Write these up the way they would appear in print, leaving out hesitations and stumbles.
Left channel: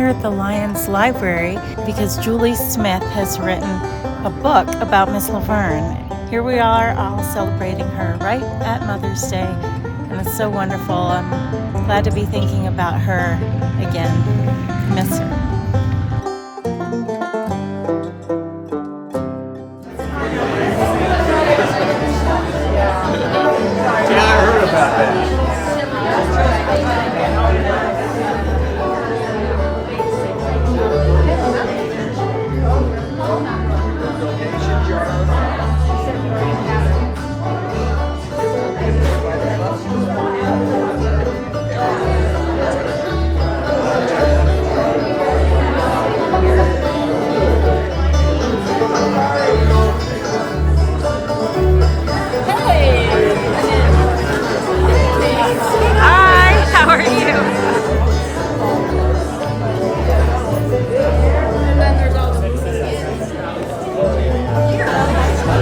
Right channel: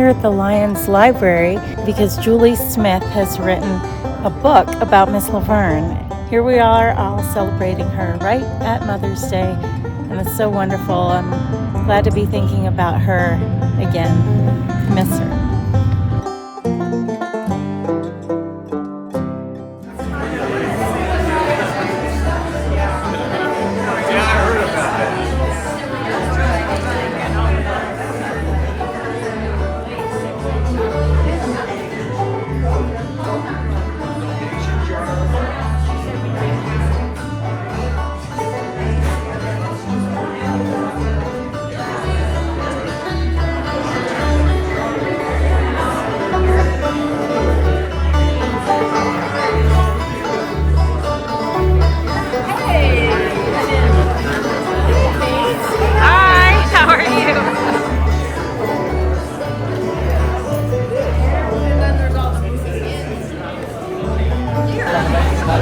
here at the Lyons Library because Julie Smith has written a book about Miss LaVern. Here we are all celebrating her right at Mother's Day, and it's so wonderful. I'm glad to be thinking about her again. Miss her.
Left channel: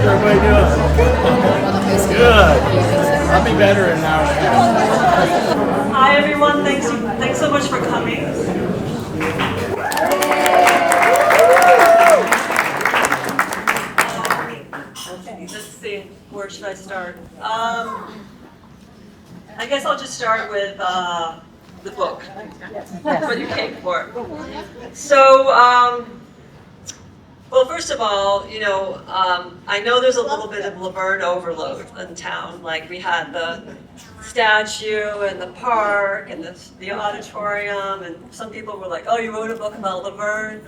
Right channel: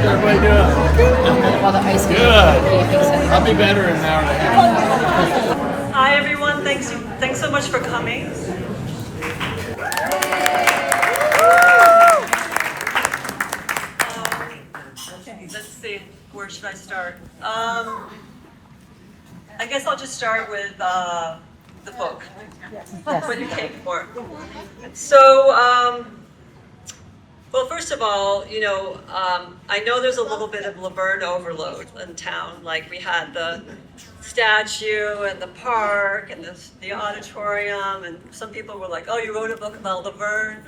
Everybody doing? Good. I'll be better in an hour and a half. Hi everyone, thanks so much for coming. Let's see, where should I start? I guess I'll just start with the book. That's what you came for. So, well, first of all, I know there's a little bit of LaVern overload in town. Like we had the statue and the park and the auditorium, and some people were like, "Oh, you wrote a book about LaVern?"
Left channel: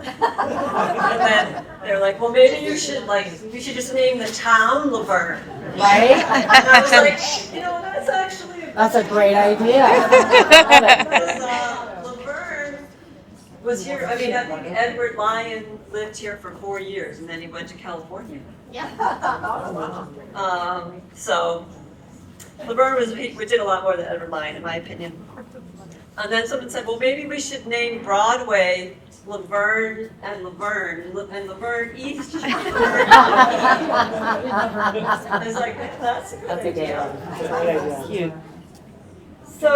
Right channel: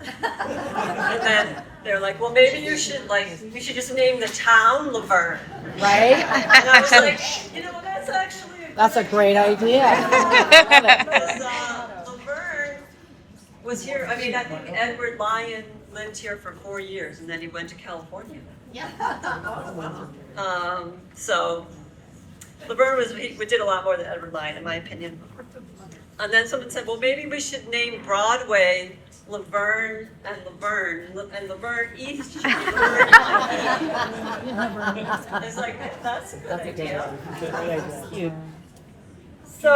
And then they're like, "Well, maybe we should just name the town LaVern, right?" And I was like, that's a great idea. LaVern was here. I mean, I think Edward Lyon lived here for 4 years, and then he went to California. Yeah. So LaVern we did a lot more than Edward Lyon, in my opinion. And then someone said, well, maybe we should name Broadway LaVern and LaVern East. I was like, that's a good idea. So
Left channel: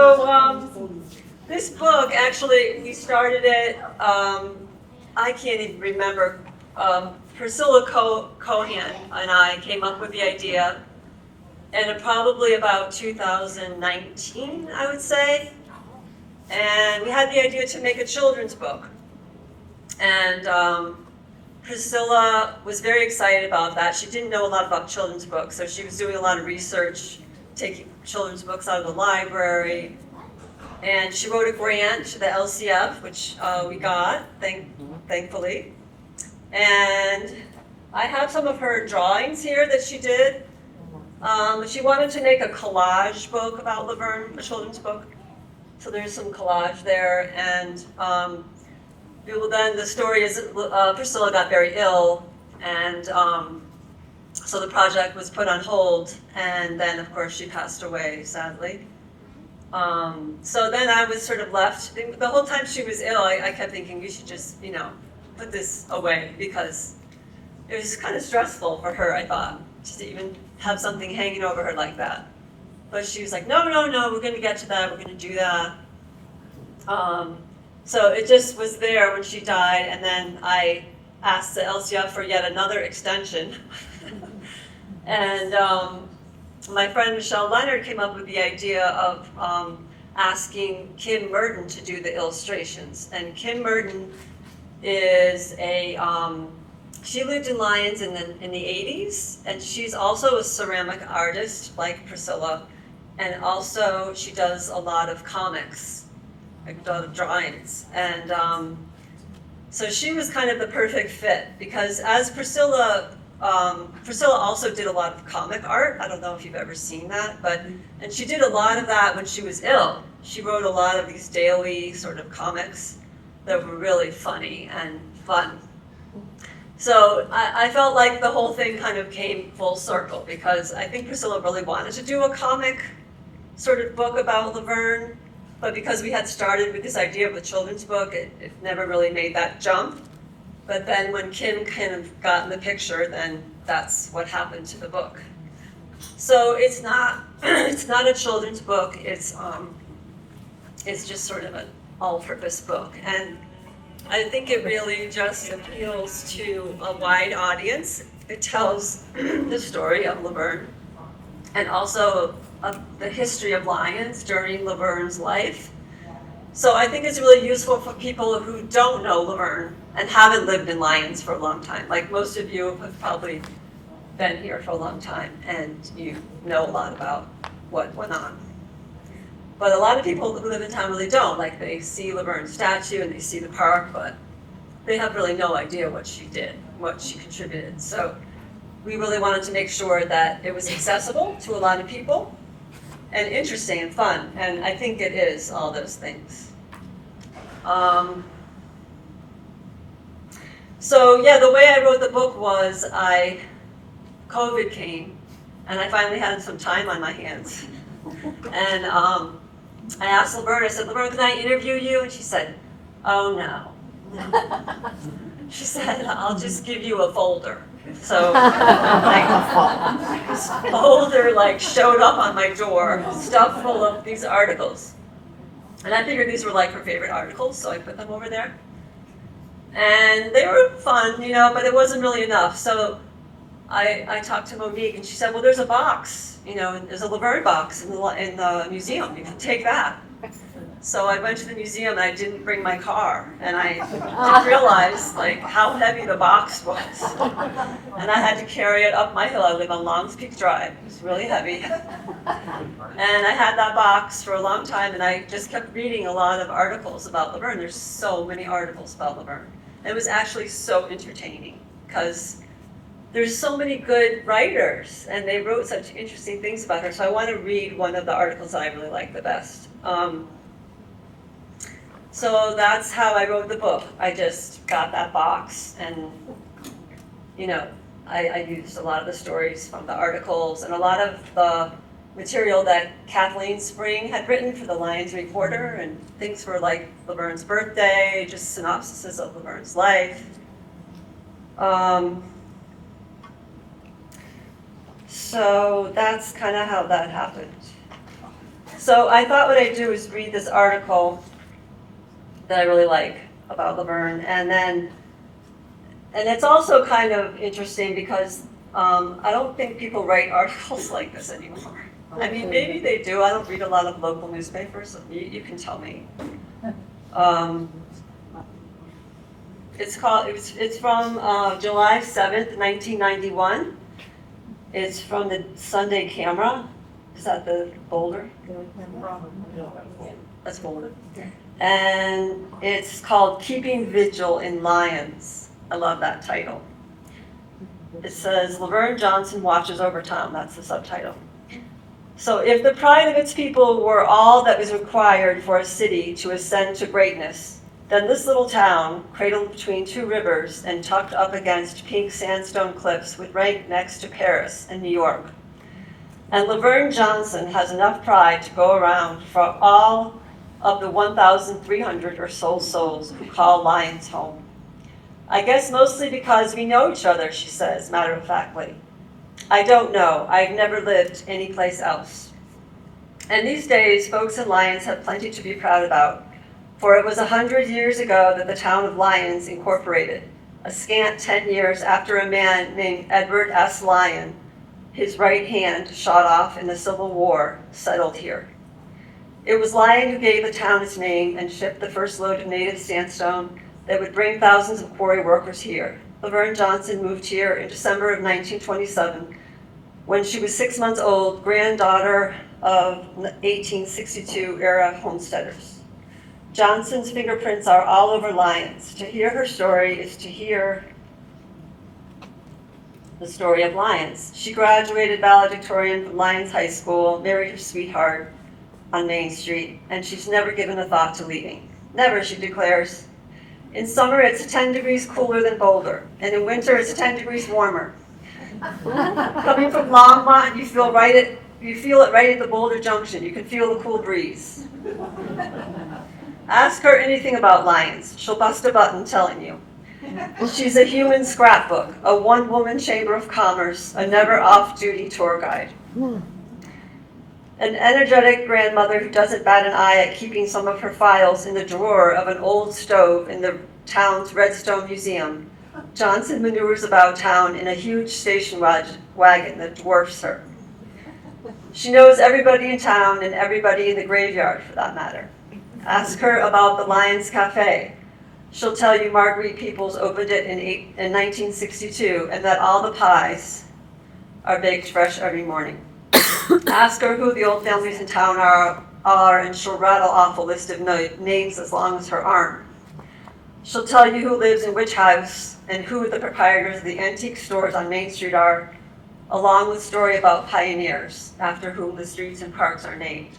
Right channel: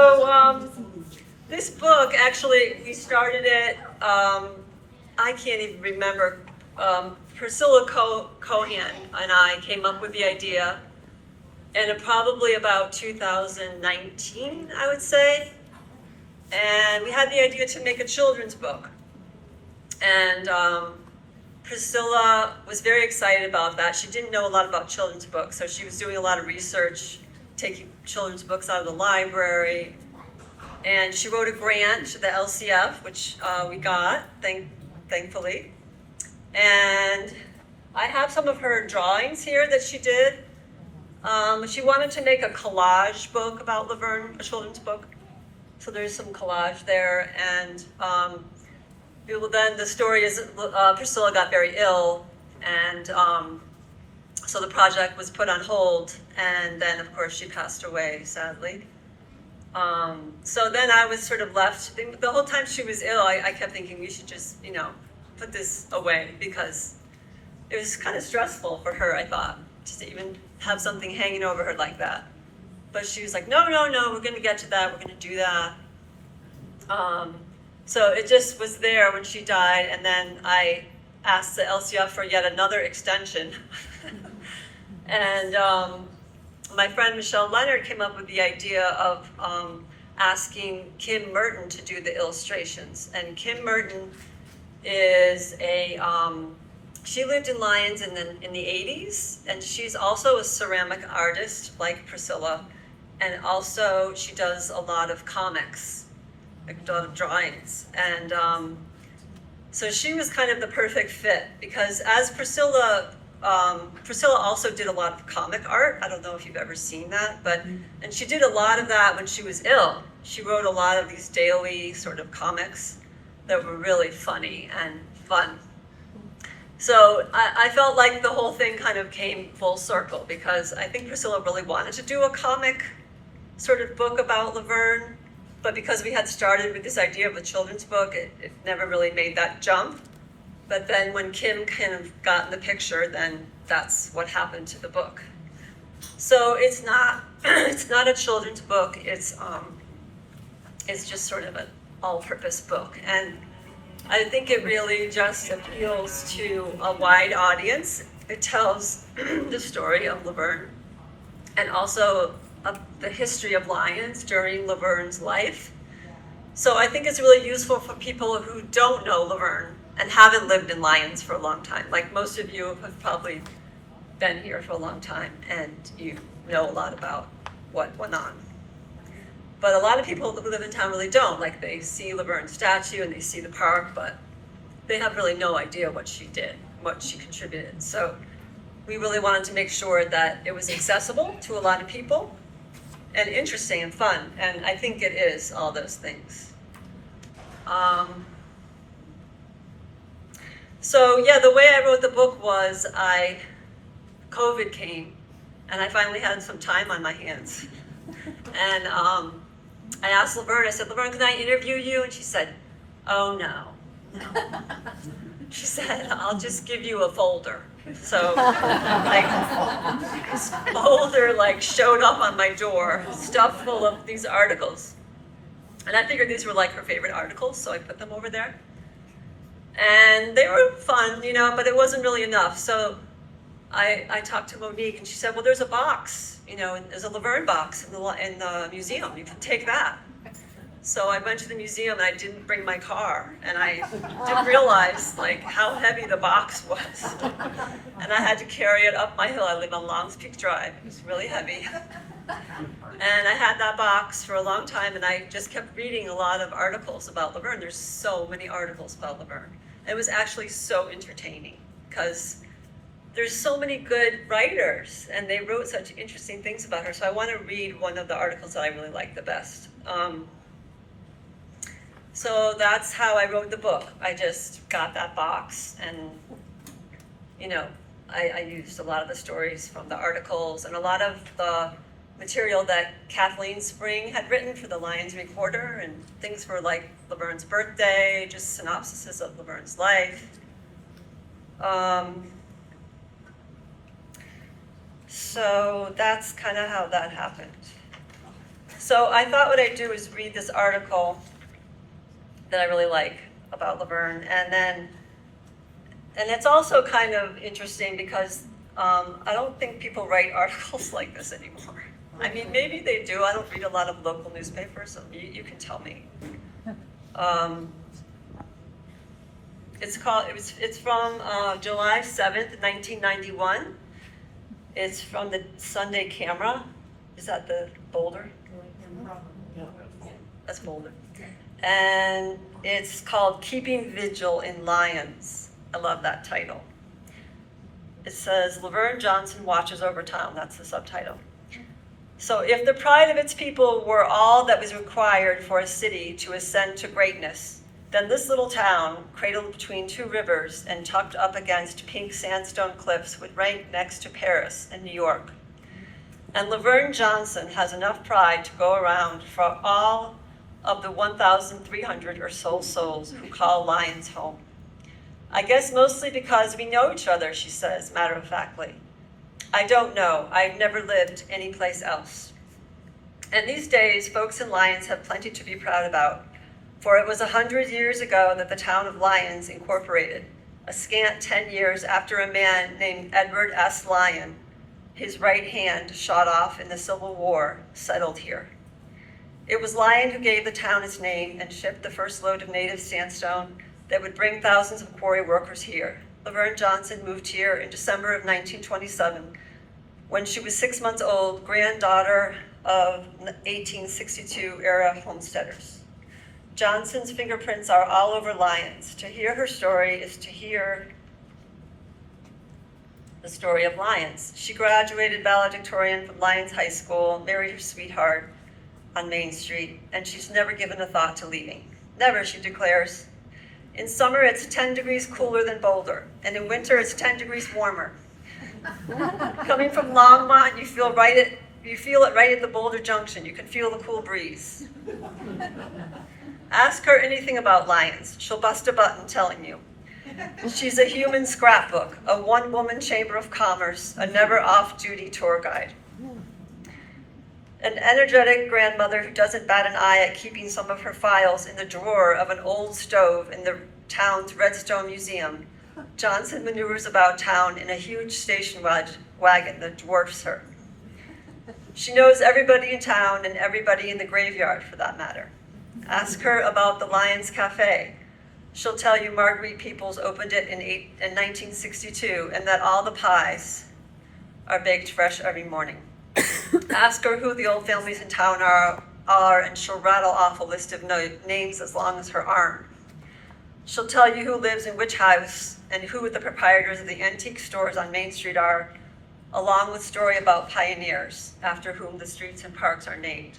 this book, actually, we started it, I can't even remember. Priscilla Cohan and I came up with the idea, and probably about 2019, I would say. And we had the idea to make a children's book. And Priscilla was very excited about that. She didn't know a lot about children's books, so she was doing a lot of research, taking children's books out of the library. And she wrote a grant to the LCF, which we got, thankfully. And I have some of her drawings here that she did. She wanted to make a collage book about LaVern, a children's book. So there's some collage there. And then the story is Priscilla got very ill, and so the project was put on hold. And then, of course, she passed away, sadly. So then I was sort of left. The whole time she was ill, I kept thinking we should just, put this away, because it was kind of stressful for her, I thought, just to even have something hanging over her like that. But she was like, no, we're going to get to that, we're going to do that. So it just was there when she died, and then I asked the LCF for yet another extension. And my friend Michelle Leonard came up with the idea of asking Kim Murton to do the illustrations. And Kim Murton is she lived in Lyons in the 80s, and she's also a ceramic artist like Priscilla, and also she does a lot of comics, a lot of drawings. And so she was kind of the perfect fit, because as Priscilla also did a lot of comic art. I don't know if you've ever seen that, and she did a lot of that when she was ill. She wrote a lot of these daily sort of comics that were really funny and fun. So I felt like the whole thing kind of came full circle, because I think Priscilla really wanted to do a comic sort of book about LaVern, but because we had started with this idea of a children's book, it never really made that jump. But then when Kim kind of got in the picture, then that's what happened to the book. So it's not a children's book. It's just sort of an all-purpose book. And I think it really just appeals to a wide audience. It tells the story of LaVern and also of the history of Lyons during LaVern's life. So I think it's really useful for people who don't know LaVern and haven't lived in Lyons for a long time. Like most of you have probably been here for a long time and you know a lot about what went on. But a lot of people who live in town really don't. Like they see LaVern's statue and they see the park, but they have really no idea what she did, what she contributed. So we really wanted to make sure that it was accessible to a lot of people and interesting and fun. And I think it is all those things. So yeah, the way I wrote the book was COVID came and I finally had some time on my hands. And I asked LaVern, I said, LaVern, can I interview you? And she said, oh no. She said, I'll just give you a folder. So this folder showed up on my door, stuffed full of these articles. And I figured these were her favorite articles, so I put them over there. And they were fun, but it wasn't really enough. So I talked to Monique and she said, well, there's a box, there's a LaVern box in the museum. You can take that. So I went to the museum and I didn't bring my car. And I didn't realize how heavy the box was. And I had to carry it up my hill. I live on Longs Peak Drive. It was really heavy. And I had that box for a long time and I just kept reading a lot of articles about LaVern. There's so many articles about LaVern. And it was actually so entertaining because there's so many good writers and they wrote such interesting things about her. So I want to read one of the articles that I really like the best. So that's how I wrote the book. I just got that box and, I used a lot of the stories from the articles and a lot of the material that Kathleen Spring had written for the Lyons Reporter and things for LaVern's birthday, just synopsises of LaVern's life. So that's kind of how that happened. So I thought what I'd do is read this article that I really like about LaVern, and it's also kind of interesting because I don't think people write articles like this anymore. I mean, maybe they do. I don't read a lot of local newspapers, so you can tell me. It's from July 7th, 1991. It's from the Sunday Camera. Is that the Boulder? That's Boulder. And it's called Keeping Vigil in Lyons. I love that title. It says, LaVern Johnson watches over town. That's the subtitle. So if the pride of its people were all that was required for a city to ascend to greatness, then this little town, cradled between two rivers and tucked up against pink sandstone cliffs, would rank next to Paris and New York. And LaVern Johnson has enough pride to go around for all of the 1,300 or so souls who call Lyons home. I guess mostly because we know each other, she says, matter-of-factly. I don't know. I've never lived anyplace else. And these days, folks in Lyons have plenty to be proud about, for it was 100 years ago that the town of Lyons incorporated, a scant 10 years after a man named Edward S. Lyon, his right hand shot off in the Civil War, settled here. It was Lyon who gave the town its name and shipped the first load of native sandstone that would bring thousands of quarry workers here. LaVern Johnson moved here in December of 1927 when she was 6 months old, granddaughter of 1862-era homesteaders. Johnson's fingerprints are all over Lyons. To hear her story is to hear the story of Lyons. She graduated valedictorian from Lyons High School, married her sweetheart on Main Street, and she's never given a thought to leaving. Never, she declares. In summer, it's 10 degrees cooler than Boulder, and in winter, it's 10 degrees warmer. Coming from Longmont, you feel it right at the Boulder Junction. You can feel the cool breeze. Ask her anything about Lyons. She'll bust a button telling you. She's a human scrapbook, a one-woman chamber of commerce, a never off-duty tour guide. an energetic grandmother who doesn't bat an eye at keeping some of her files in the drawer of an old stove in the town's Redstone Museum, Johnson maneuvers about town in a huge station wagon that dwarfs her. She knows everybody in town and everybody in the graveyard, for that matter. Ask her about the Lyons Cafe. She'll tell you Marguerite Peoples opened it in 1962 and that all the pies are baked fresh every morning. Ask her who the old families in town are, and she'll rattle off a list of names as long as her arm. She'll tell you who lives in which house and who the proprietors of the antique stores on Main Street are, along with story about pioneers, after whom the streets and parks are named.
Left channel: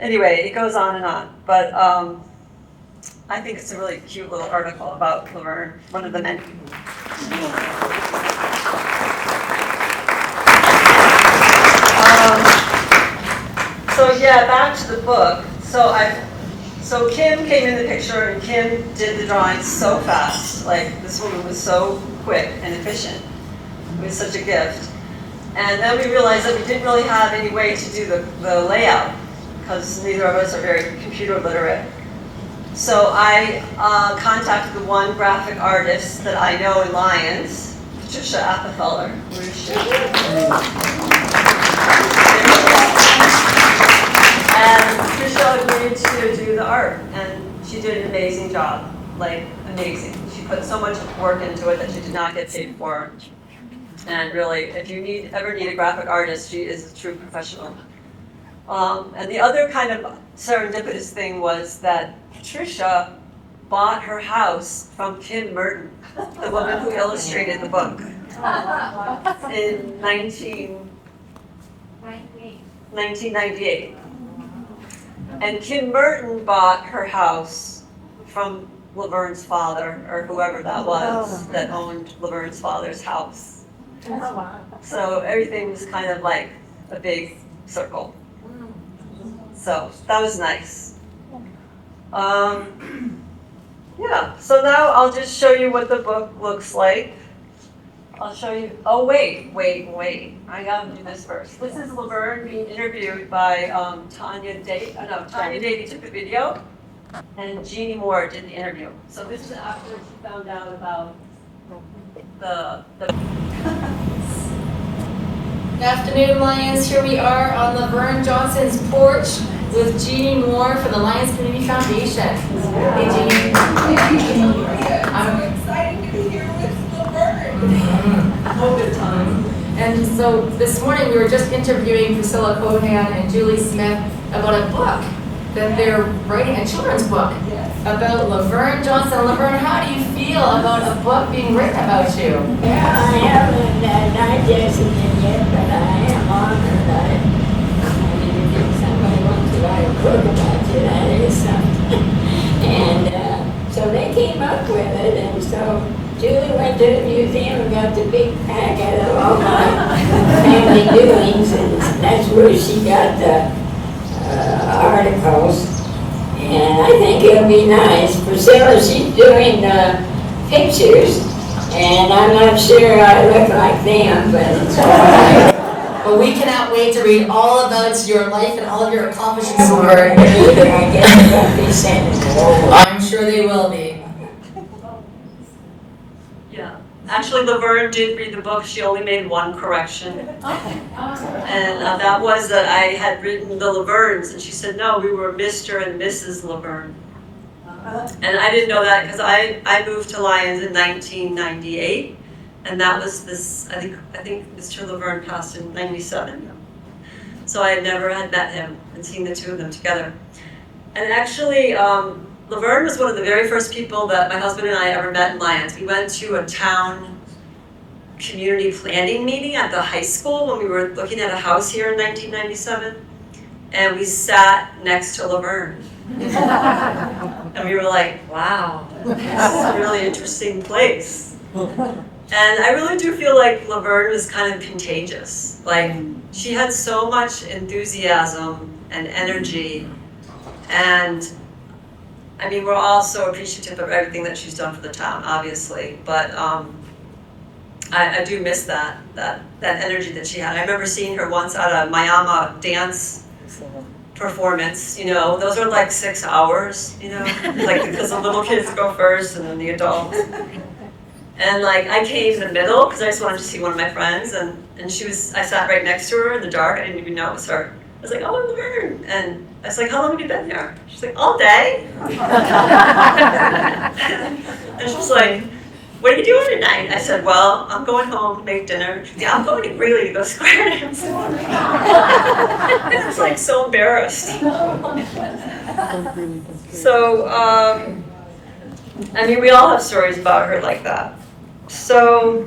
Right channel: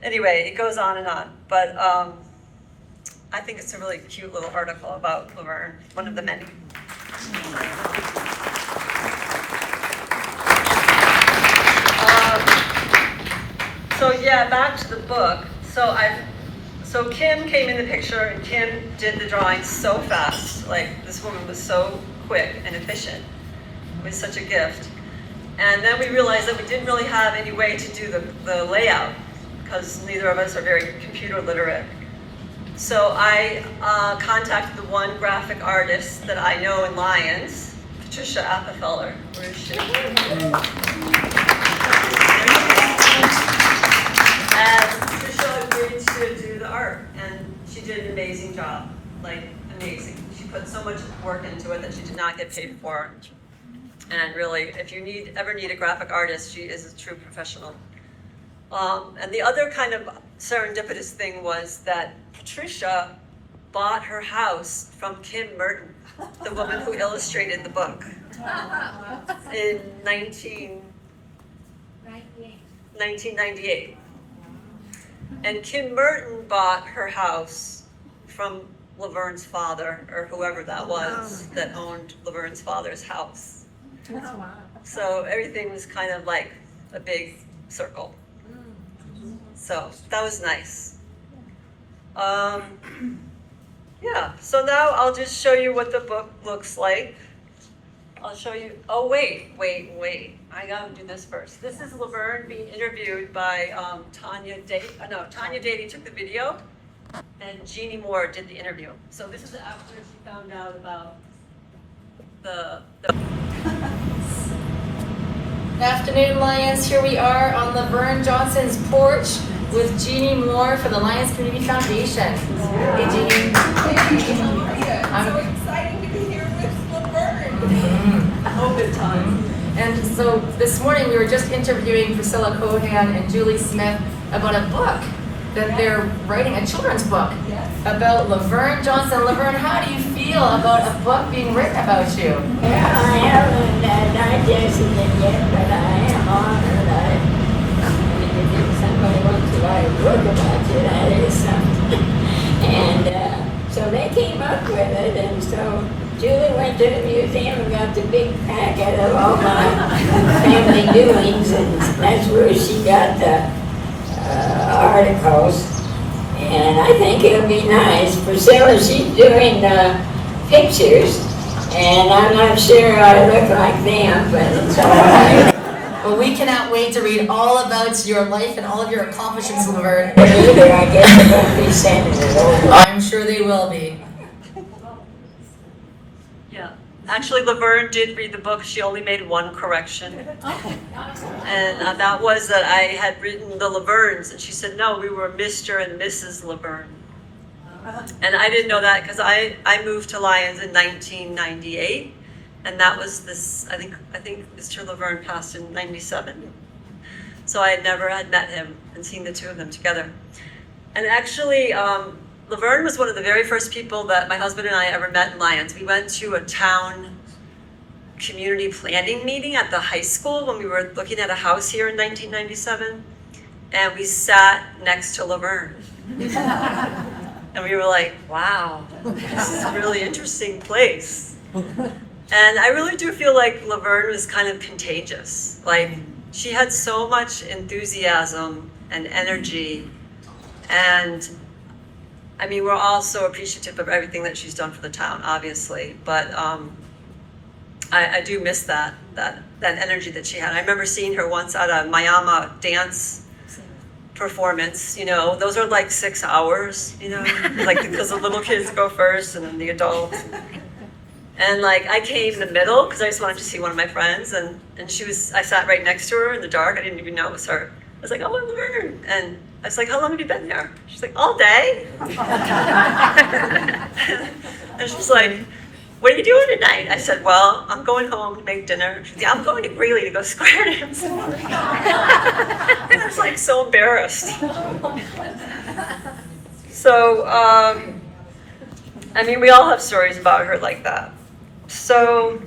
Anyway, it goes on and on, but I think it's a really cute little article about LaVern, one of the many. So yeah, back to the book. So Kim came in the picture, and Kim did the drawings so fast. Like, this woman was so quick and efficient. It was such a gift. And then we realized that we didn't really have any way to do the layout, because neither of us are very computer literate. So I contacted the one graphic artist that I know in Lyons, Patricia Appenfeller. Where is she? And Patricia agreed to do the art, and she did an amazing job, like amazing. She put so much work into it that she did not get paid for. And really, if you ever need a graphic artist, she is a true professional. And the other kind of serendipitous thing was that Patricia bought her house from Kim Murton, the woman who illustrated the book, in 1998. And Kim Murton bought her house from LaVern's father, or whoever that was that owned LaVern's father's house. So everything was kind of like a big circle. So that was nice. Yeah, so now I'll just show you what the book looks like. I'll show you, oh wait. I gotta do this first. This is LaVern being interviewed by Tanya Davey took the video, and Jeannie Moore did the interview. So this is after she found out about the Good afternoon, Lyons. Here we are on LaVern Johnson's porch with Jeannie Moore for the Lyons Community Foundation. Hey, Jeannie. I'm excited to be here with LaVern. whole good time. And so this morning we were just interviewing Priscilla Cohan and Julie Smith about a book that they're writing, a children's book about LaVern Johnson. LaVern, how do you feel about a book being written about you? Yeah, I haven't digested it yet, but I am honored. If somebody wants to write a book about you, that is something. And so they came up with it, and so Julie went to the museum and got the big packet of all my family doings, and that's where she got the articles. And I think it'll be nice. Priscilla, she's doing pictures, and I'm not sure I look like them, but it's all right. Well, we cannot wait to read all about your life and all of your accomplishments. I guess they're going to be sending it over. I'm sure they will be. Yeah. Actually, LaVern did read the book. She only made one correction. And that was that I had written the LaVerns, and she said, no, we were Mr. and Mrs. LaVern. And I didn't know that because I moved to Lyons in 1998, and that was this, I think Mr. LaVern passed in 97. So I had never had met him and seen the two of them together. And actually, LaVern was one of the very first people that my husband and I ever met in Lyons. We went to a town community planning meeting at the high school when we were looking at a house here in 1997, and we sat next to LaVern. And we were like, wow, this is a really interesting place. And I really do feel like LaVern was kind of contagious. Like, she had so much enthusiasm and energy, and I mean, we're all so appreciative of everything that she's done for the town, obviously, but I do miss that energy that she had. I remember seeing her once at a Mayama dance performance. Those are like 6 hours. Like because the little kids go first and then the adults. And like I came in the middle because I just wanted to see one of my friends, and I sat right next to her in the dark. I didn't even know it was her. I was like, "Oh, I'm LaVern," and I was like, "How long have you been here?" She's like, "All day." And she's like, "What are you doing tonight?" I said, "Well, I'm going home to make dinner." She's like, "Yeah, I'm going to Greeley to go square dance." I was like so embarrassed. So, I mean, we all have stories about her like that. So,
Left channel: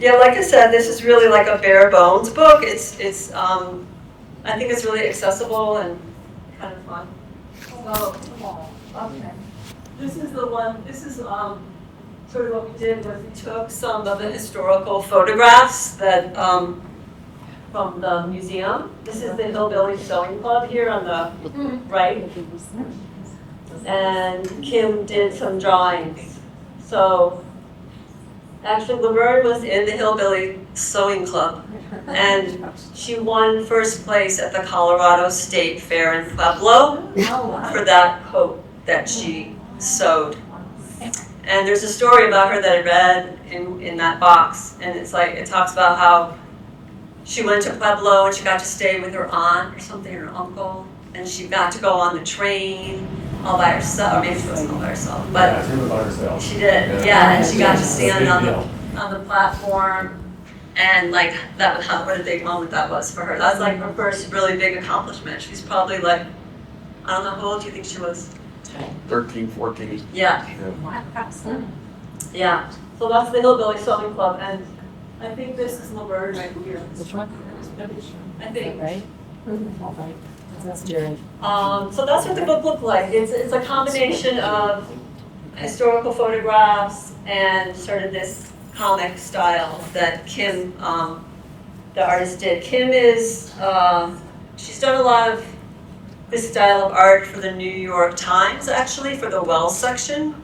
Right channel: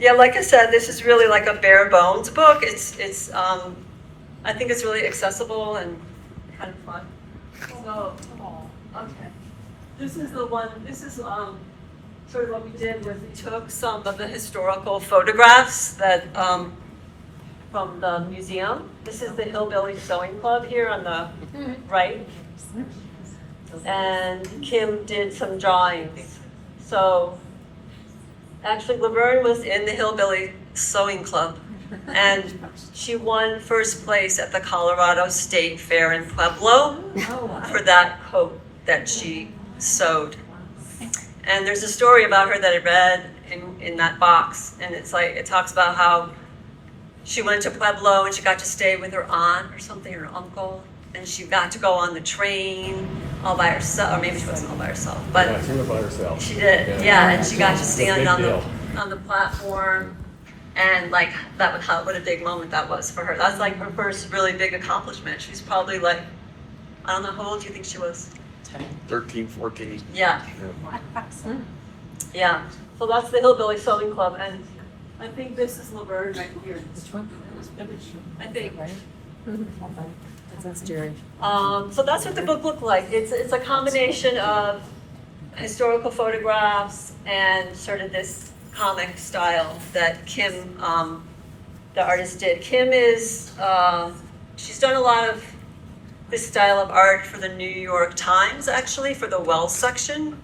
yeah, like I said, this is really like a bare bones book. It's I think it's really accessible and kind of fun. So, okay. This is the one, this is sort of what we did was we took some of the historical photographs that from the museum. This is the Hillbilly Sewing Club here on the right. And Kim did some drawings. So actually LaVern was in the Hillbilly Sewing Club, and she won first place at the Colorado State Fair in Pueblo for that coat that she sewed. And there's a story about her that I read in that box, and it's like it talks about how she went to Pueblo and she got to stay with her aunt or something, her uncle, and she got to go on the train all by herself, or maybe she wasn't all by herself, but she did, yeah, and she got to stand on the platform, and like that was what a big moment that was for her. That's like her first really big accomplishment. She's probably like, I don't know, how old do you think she was? 13, 14. Yeah. Yeah. So that's the Hillbilly Sewing Club, and I think this is LaVern right here. Which one? I think. Right? That's Jerry. So that's what the book looked like. It's a combination of historical photographs and sort of this comic style that Kim, the artist, did. Kim is, she's done a lot of this style of art for the New York Times, actually, for the Wells section.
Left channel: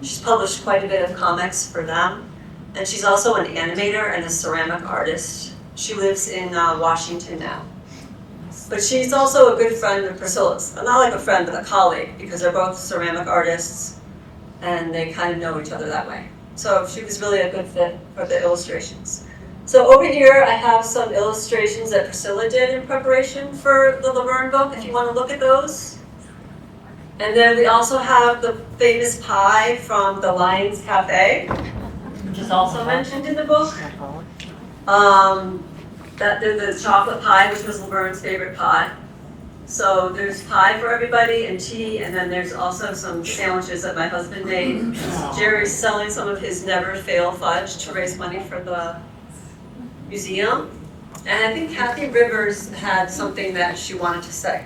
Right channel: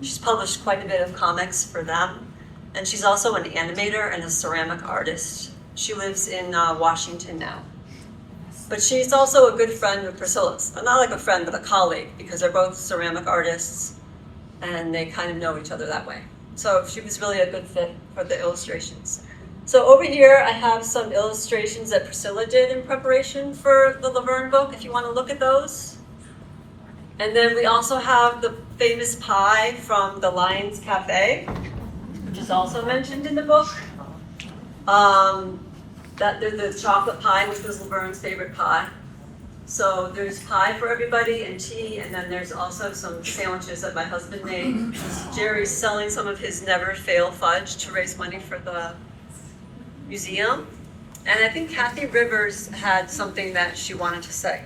She's published quite a bit of comics for them. And she's also an animator and a ceramic artist. She lives in Washington now. But she's also a good friend of Priscilla's. Not like a friend, but a colleague, because they're both ceramic artists, and they kind of know each other that way. So she was really a good fit for the illustrations. So over here, I have some illustrations that Priscilla did in preparation for the LaVern book, if you want to look at those. And then we also have the famous pie from the Lyons Cafe, which is also mentioned in the book. The chocolate pie, which was LaVern's favorite pie. So there's pie for everybody and tea, and then there's also some sandwiches that my husband made. Jerry's selling some of his Never Fail fudge to raise money for the museum. And I think Kathy Rivers had something that she wanted to say.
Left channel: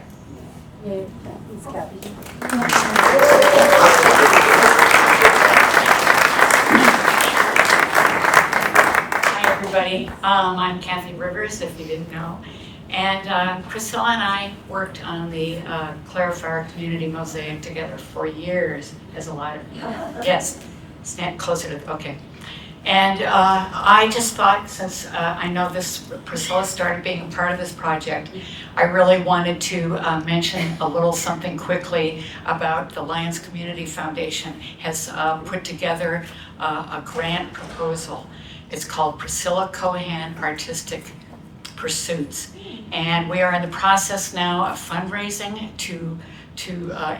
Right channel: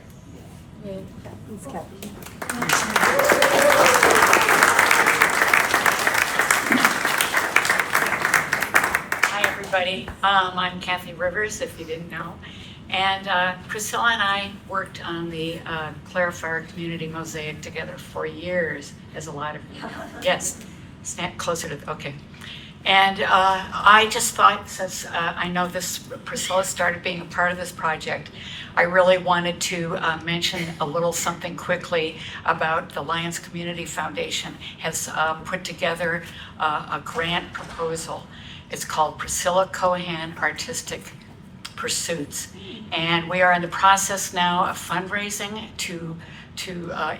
Hi, everybody. I'm Kathy Rivers, if you didn't know. And Priscilla and I worked on the Clarifier Community Mosaic together for years, as a lot of you. Yes, stand closer to, okay. And I just thought, since I know Priscilla started being a part of this project, I really wanted to mention a little something quickly about the Lyons Community Foundation has put together a grant proposal. It's called Priscilla Cohan Artistic Pursuits. And we are in the process now of fundraising to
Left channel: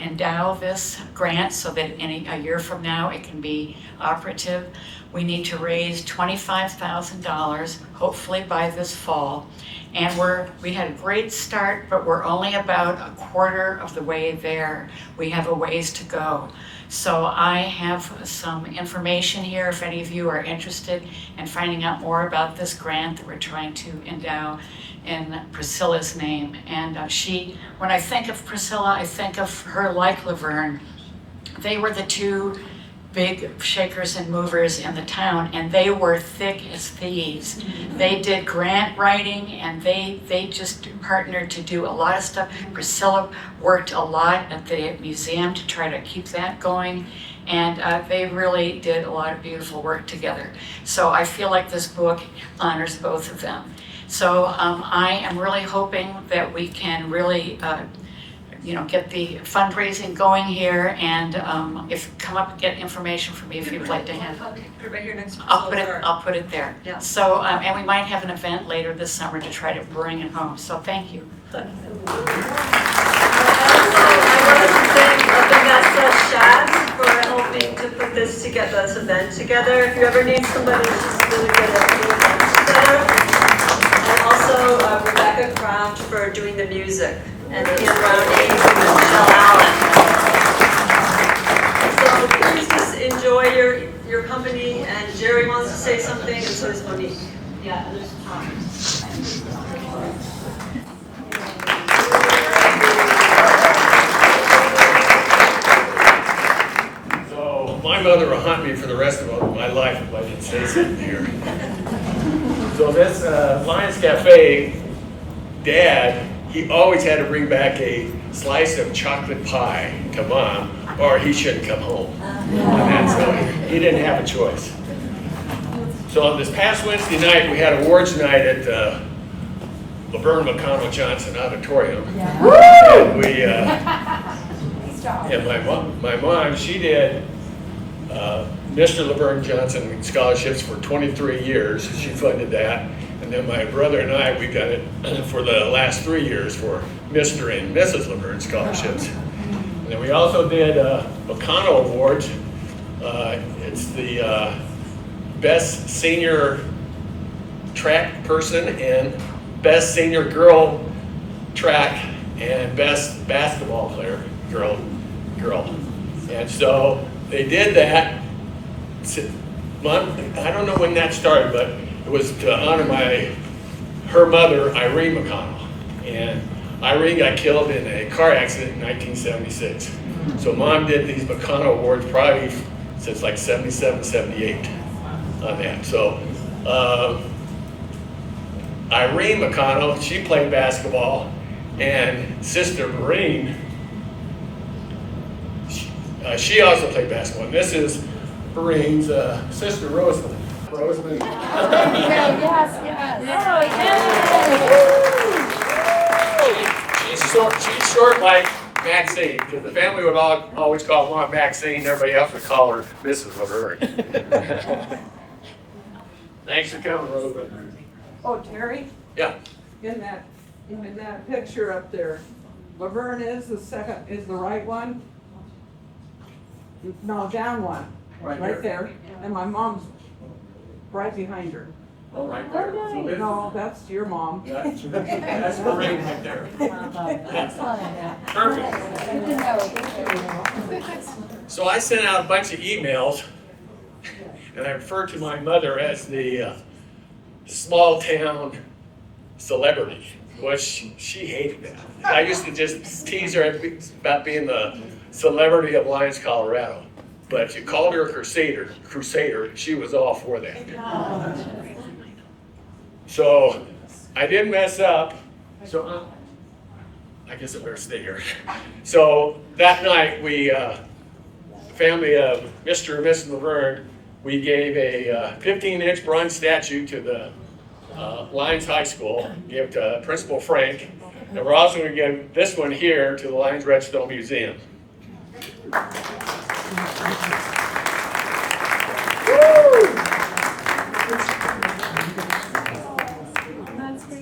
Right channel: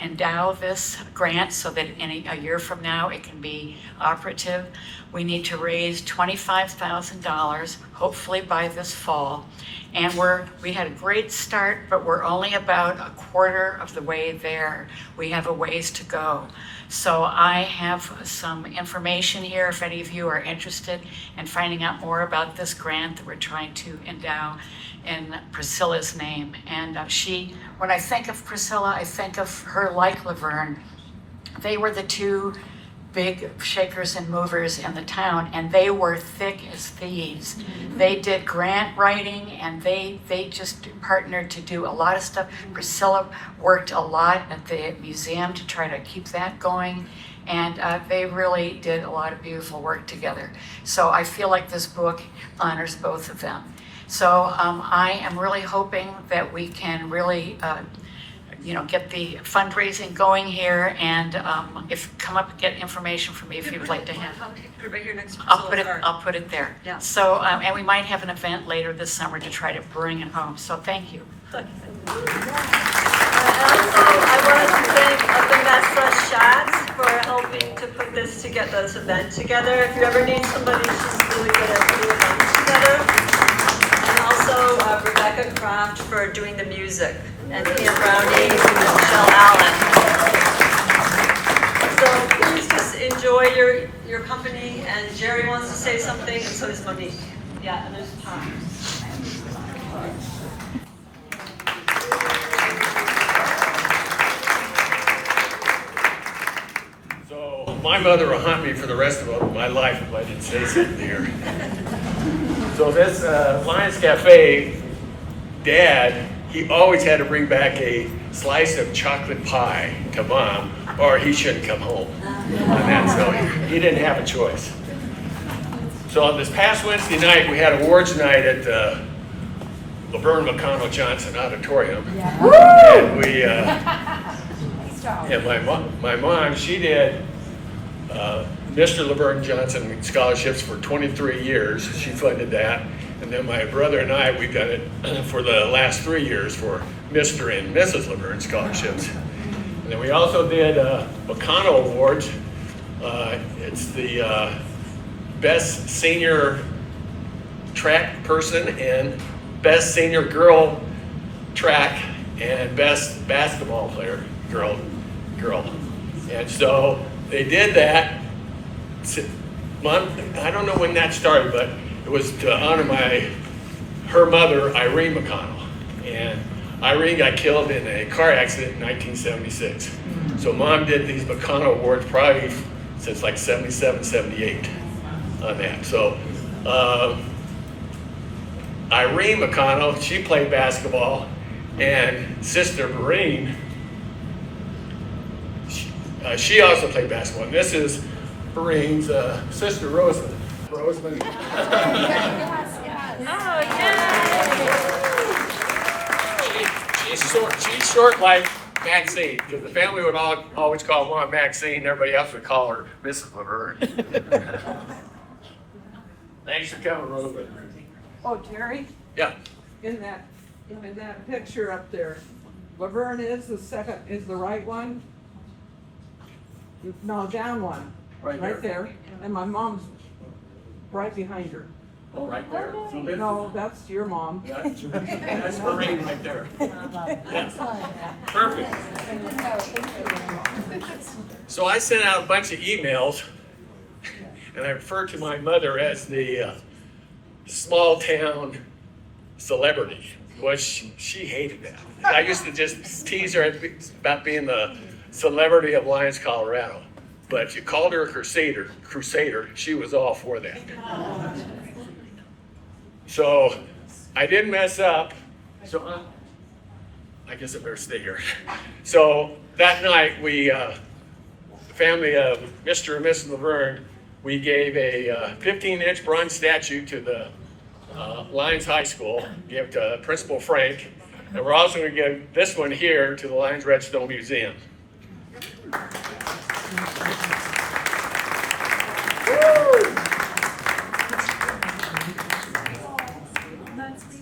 endow this grant so that a year from now it can be operative. We need to raise $25,000, hopefully by this fall. And we had a great start, but we're only about a quarter of the way there. We have a ways to go. So I have some information here if any of you are interested in finding out more about this grant that we're trying to endow in Priscilla's name. And when I think of Priscilla, I think of her like LaVern. They were the two big shakers and movers in the town, and they were thick as thieves. They did grant writing, and they just partnered to do a lot of stuff. Priscilla worked a lot at the museum to try to keep that going, and they really did a lot of beautiful work together. So I feel like this book honors both of them. So I am really hoping that we can really get the fundraising going here, and if come up and get information from me if you'd like to have. Okay, put it right here next to I'll put it there. Yeah. So and we might have an event later this summer to try to bring it home. So thank you. I want to thank Shaz for helping to put this event together. If you ever need somebody, she's really good at putting events together. And also Rebecca Krafft for doing the music, and Pam Browning and Michelle Allen. So please just enjoy your company, and Jerry wants to say something, and so does Monique. Yeah, and there's Tom. My mother will hunt me for the rest of my life if I didn't say something here. So this Lyons Cafe, Dad, he always had to bring back a slice of chocolate pie to Mom, or he shouldn't come home. And that's so he didn't have a choice. So on this past Wednesday night, we had awards night at the LaVern McConnell Johnson Auditorium, and we and my mom, she did Mr. LaVern Johnson scholarships for 23 years. She funded that. And then my brother and I, we've done it for the last 3 years for Mr. and Mrs. LaVern scholarships. And then we also did McConnell Awards. It's the best senior track person and best senior girl track and best basketball player, girl. And so they did that. Mom, I don't know when that started, but it was to honor her mother, Irene McConnell. And Irene got killed in a car accident in 1976. So Mom did these McConnell Awards probably since like 77, 78 on that. So Irene McConnell, she played basketball, and Sister Marine, she also played basketball. And this is Marine's sister, Rosamond. Rosamond. She's short like Maxine, because the family would always call Mom Maxine, everybody else would call her Mrs. LaVern. Thanks for coming, Rosamond. Oh, Terry? Yeah. In that picture up there, LaVern is the right one? No, down one. Right there. And my mom's right behind her. Oh, right there. No, that's your mom. That's Marine right there. Yeah. Perfect. So I sent out a bunch of emails, and I refer to my mother as the small town celebrity, which she hated that. I used to just tease her about being the celebrity of Lyons, Colorado. But if you called her a Crusader, she was all for that. So I didn't mess up. So I guess I better stay here. So that night, we, family of Mr. and Mrs. LaVern, we gave a 15-inch bronze statue to the Lyons High School, gave it to Principal Frank, and we're also going to give this one here to the Lyons Redstone Museum.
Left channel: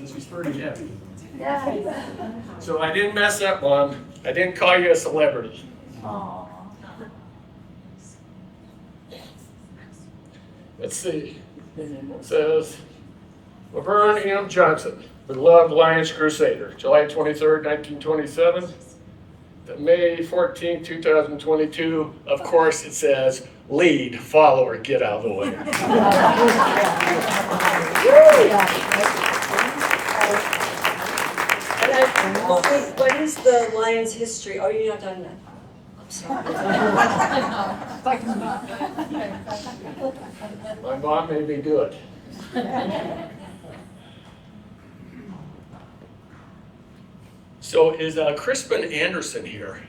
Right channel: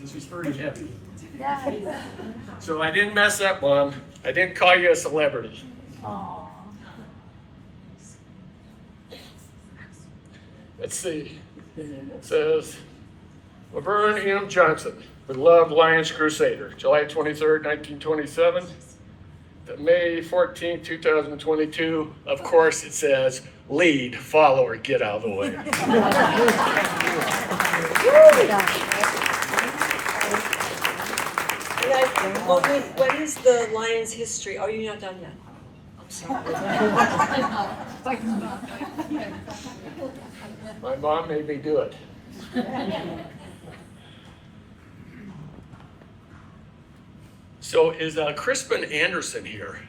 She's pretty heavy. So I didn't mess up, Mom. I didn't call you a celebrity. Let's see. It says, LaVern M. Johnson, beloved Lyons Crusader, July 23rd, 1927. To May 14, 2022, of course it says, lead, follower, get out of the way. And what is the Lyons history? Oh, you're not done yet. I'm sorry. My mom made me do it. So is Crispin Anderson here?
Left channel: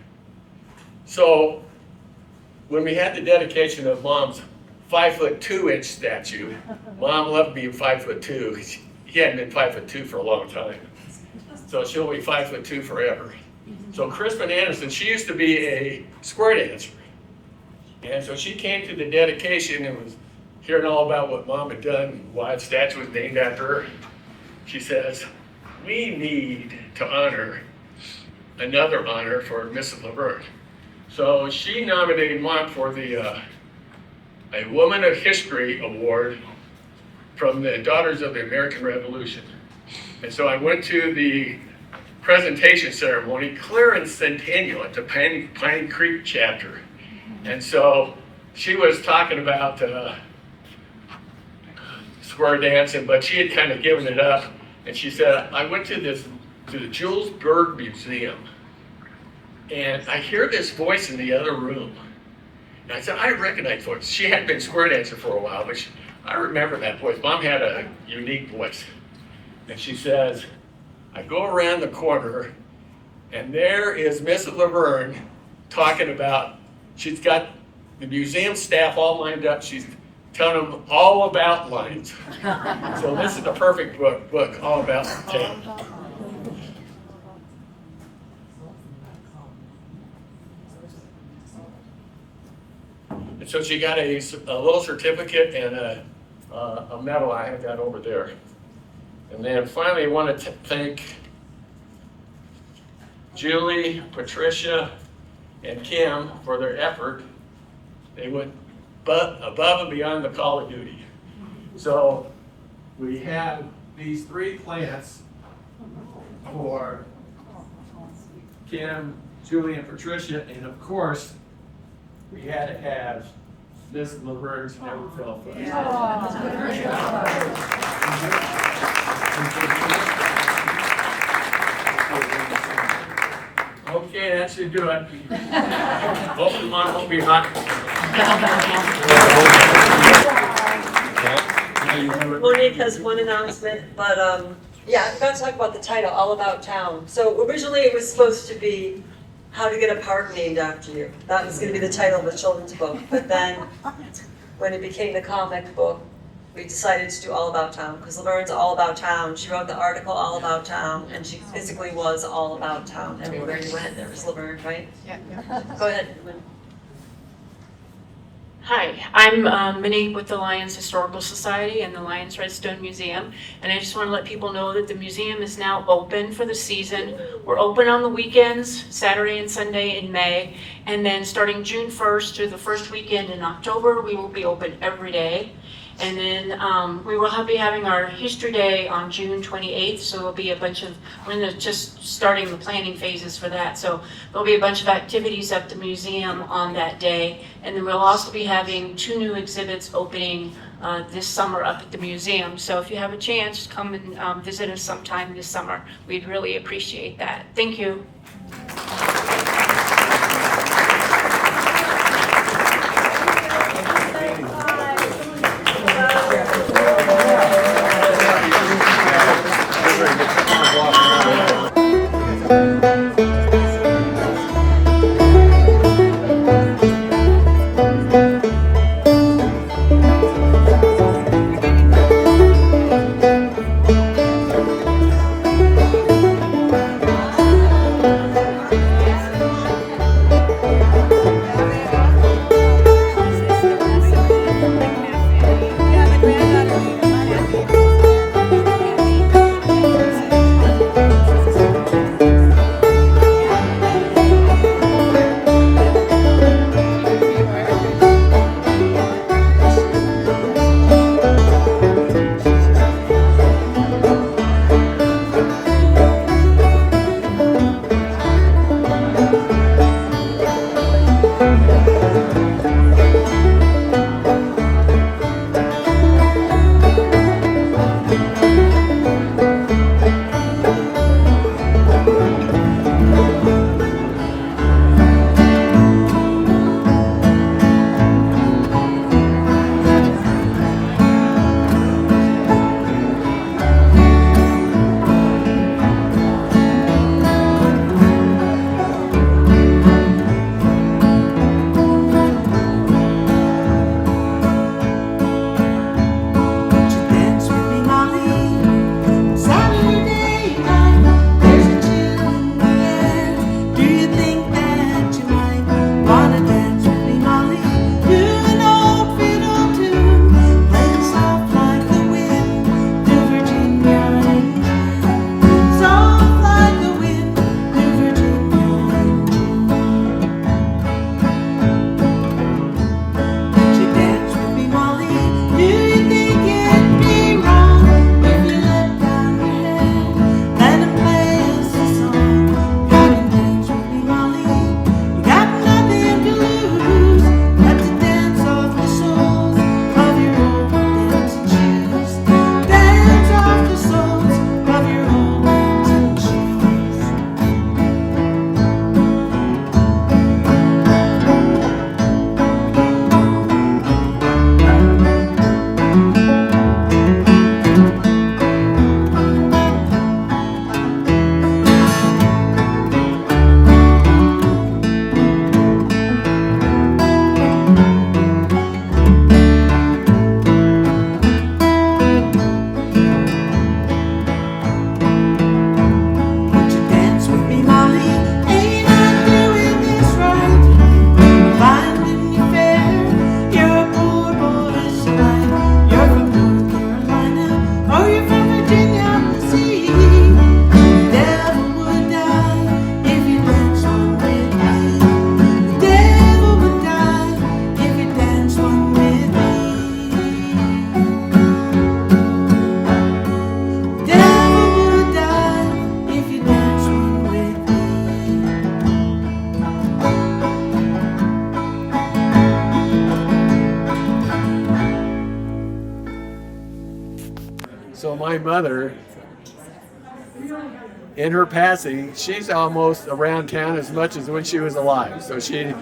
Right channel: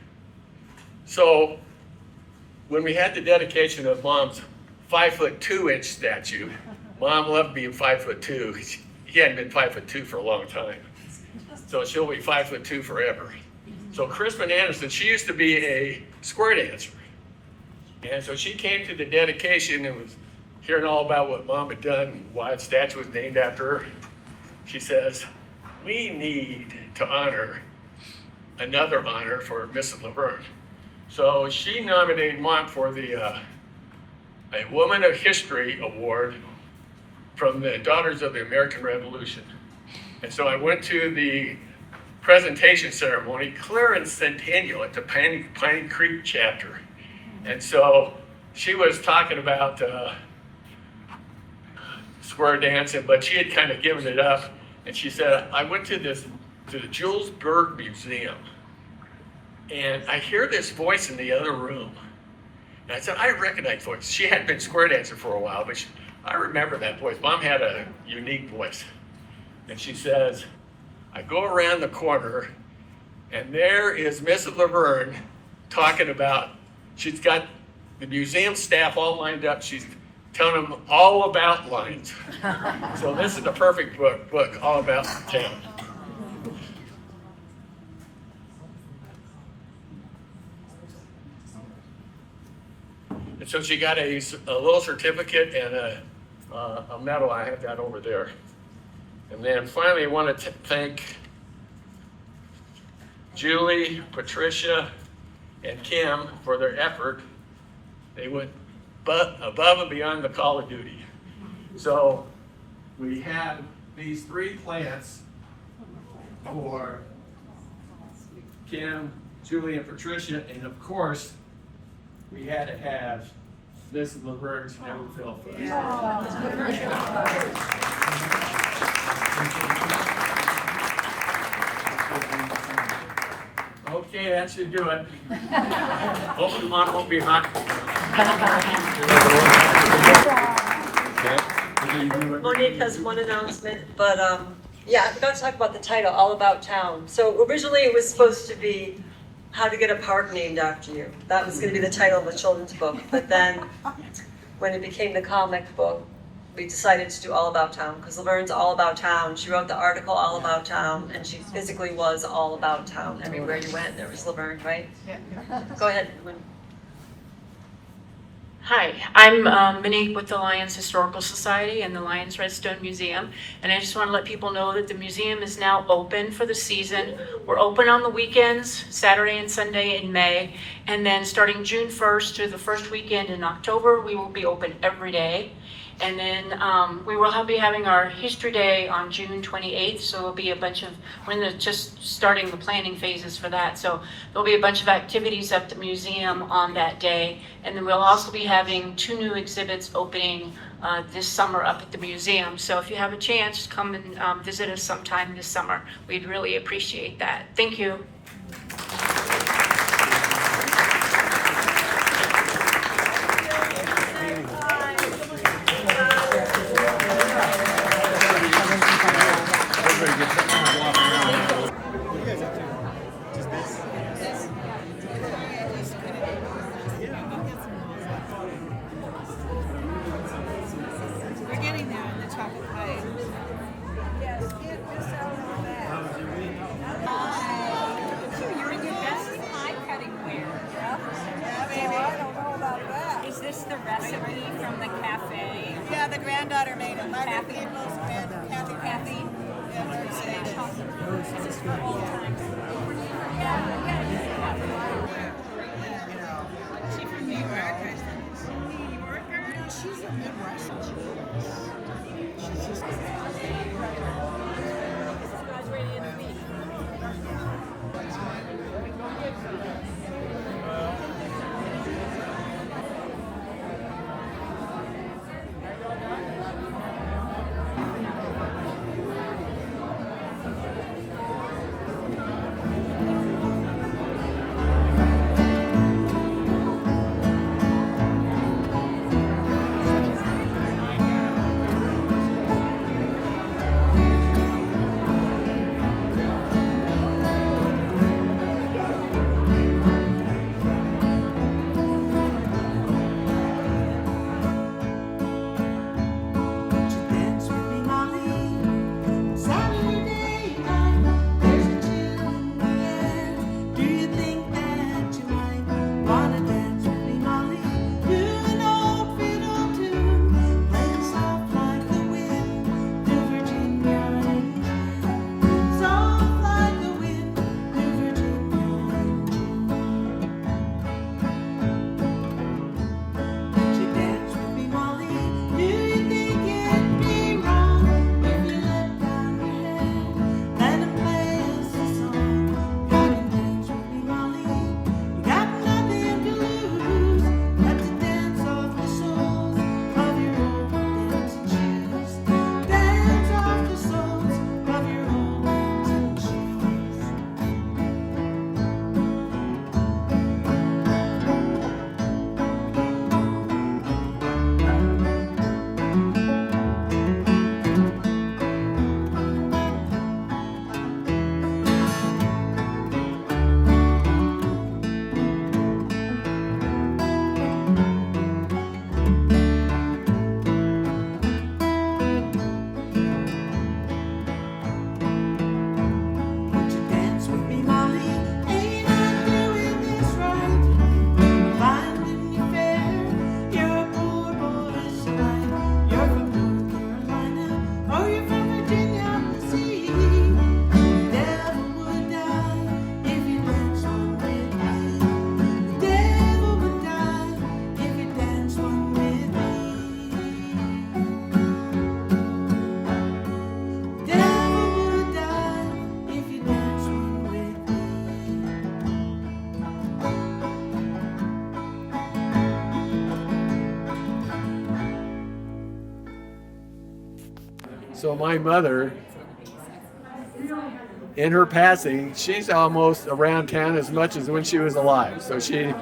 So when we had the dedication of Mom's 5'2" statue, Mom loved being 5'2". He hadn't been 5'2" for a long time. So she'll be 5'2" forever. So Crispin Anderson, she used to be a square dancer. And so she came to the dedication and was hearing all about what Mom had done, why the statue was named after her. She says, we need to honor another honor for Mrs. LaVern. So she nominated Mom for the a Woman of History Award from the Daughters of the American Revolution. And so I went to the presentation ceremony, Clarence Centennial at the Piney Creek chapter. And so she was talking about square dancing, but she had kind of given it up. And she said, I went to the Jules Berg Museum, and I hear this voice in the other room. And I said, I recognize the voice. She hadn't been square dancer for a while, but I remember that voice. Mom had a unique voice. And she says, I go around the corner, and there is Mrs. LaVern talking about, she's got the museum staff all lined up. She's telling them all about Lyons. So this is the perfect book all about town. And so she got a little certificate and a medal. I have that over there. And then finally, I want to thank Julie, Patricia, and Kim for their effort. They went above and beyond the call of duty. So we have these 3 plants for Kim, Julie, and Patricia, and of course, we had to have Mrs. LaVern's Never Fell Okay, that should do it. Hopefully, Mom won't be hot. Monique has one announcement, but yeah, I forgot to talk about the title, All About Town. So originally it was supposed to be How to Get a Park Named After You. That was going to be the title of the children's book. But then when it became the comic book, we decided to do All About Town because LaVern's all about town. She wrote the article All About Town, and she physically was all about town. Everywhere you went, there was LaVern, right? Yeah. Go ahead. Hi, I'm Monique with the Lyons Historical Society and the Lyons Redstone Museum, and I just want to let people know that the museum is now open for the season. We're open on the weekends, Saturday and Sunday in May, and then starting June 1st to the first weekend in October, we will be open every day. And then we will be having our History Day on June 28th, so there'll be a bunch of, we're just starting the planning phases for that, so there'll be a bunch of activities at the museum on that day. And then we'll also be having 2 new exhibits opening this summer up at the museum. So if you have a chance, come and visit us sometime this summer. We'd really appreciate that. Thank you. Won't you dance with me, Molly? Ain't I doing this right? Finding you fair, you're a poor boy, so right. You're from North Carolina, or you're from Virginia on the sea. The devil would die if you danced one with me. The devil would die if you danced one with me. The devil would die if you danced one with me. So my mother, in her passing, she's almost around town as much as when she was alive. So she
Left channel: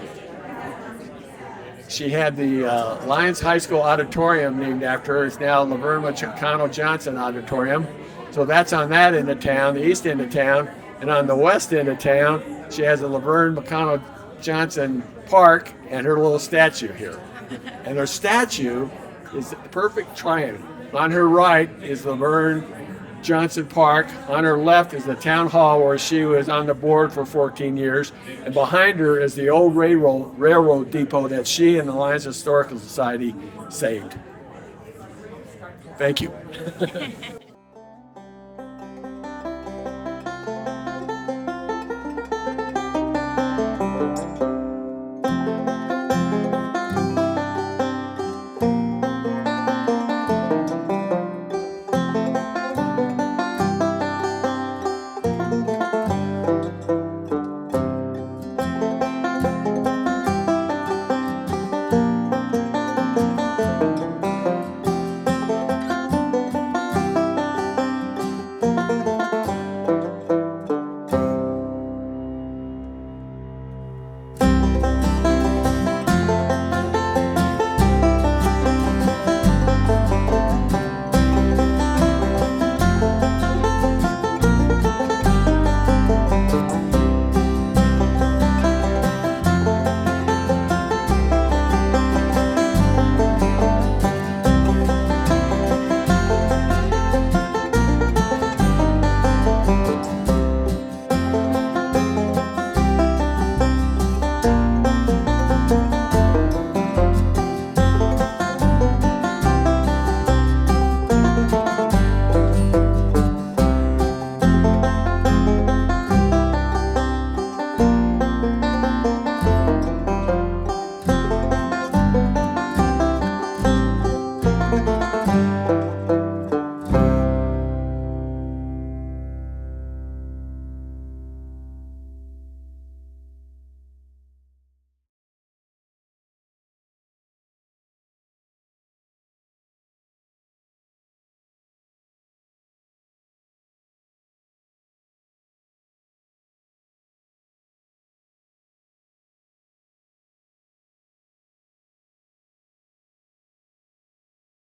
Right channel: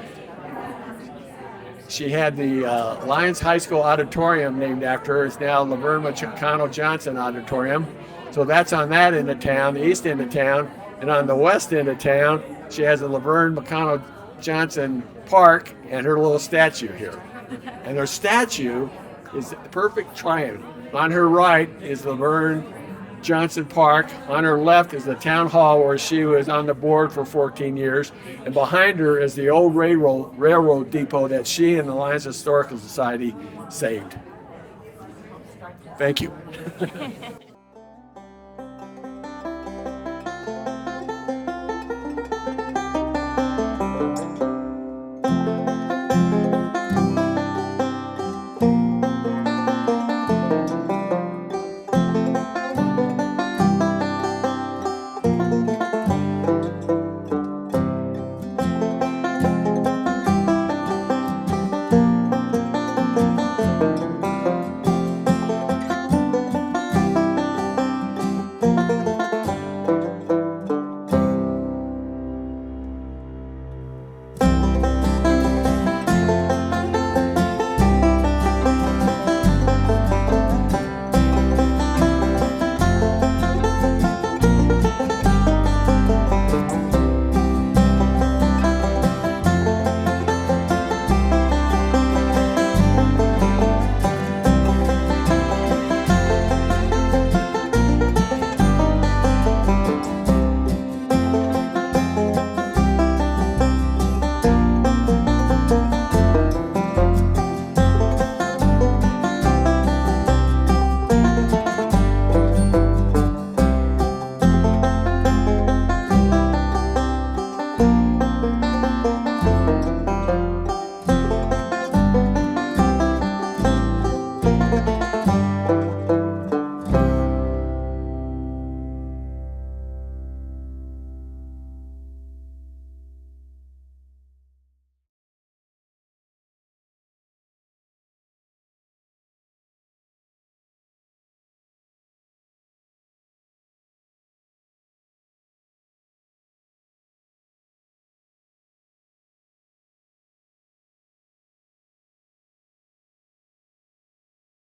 had the Lyons High School auditorium named after her. It's now LaVern McConnell Johnson Auditorium. So that's on that end of town, the east end of town. And on the west end of town, she has a LaVern McConnell Johnson Park and her little statue here. And her statue is the perfect triangle. On her right is LaVern Johnson Park. On her left is the town hall where she was on the board for 14 years. And behind her is the old railroad depot that she and the Lyons Historical Society saved. Thank you.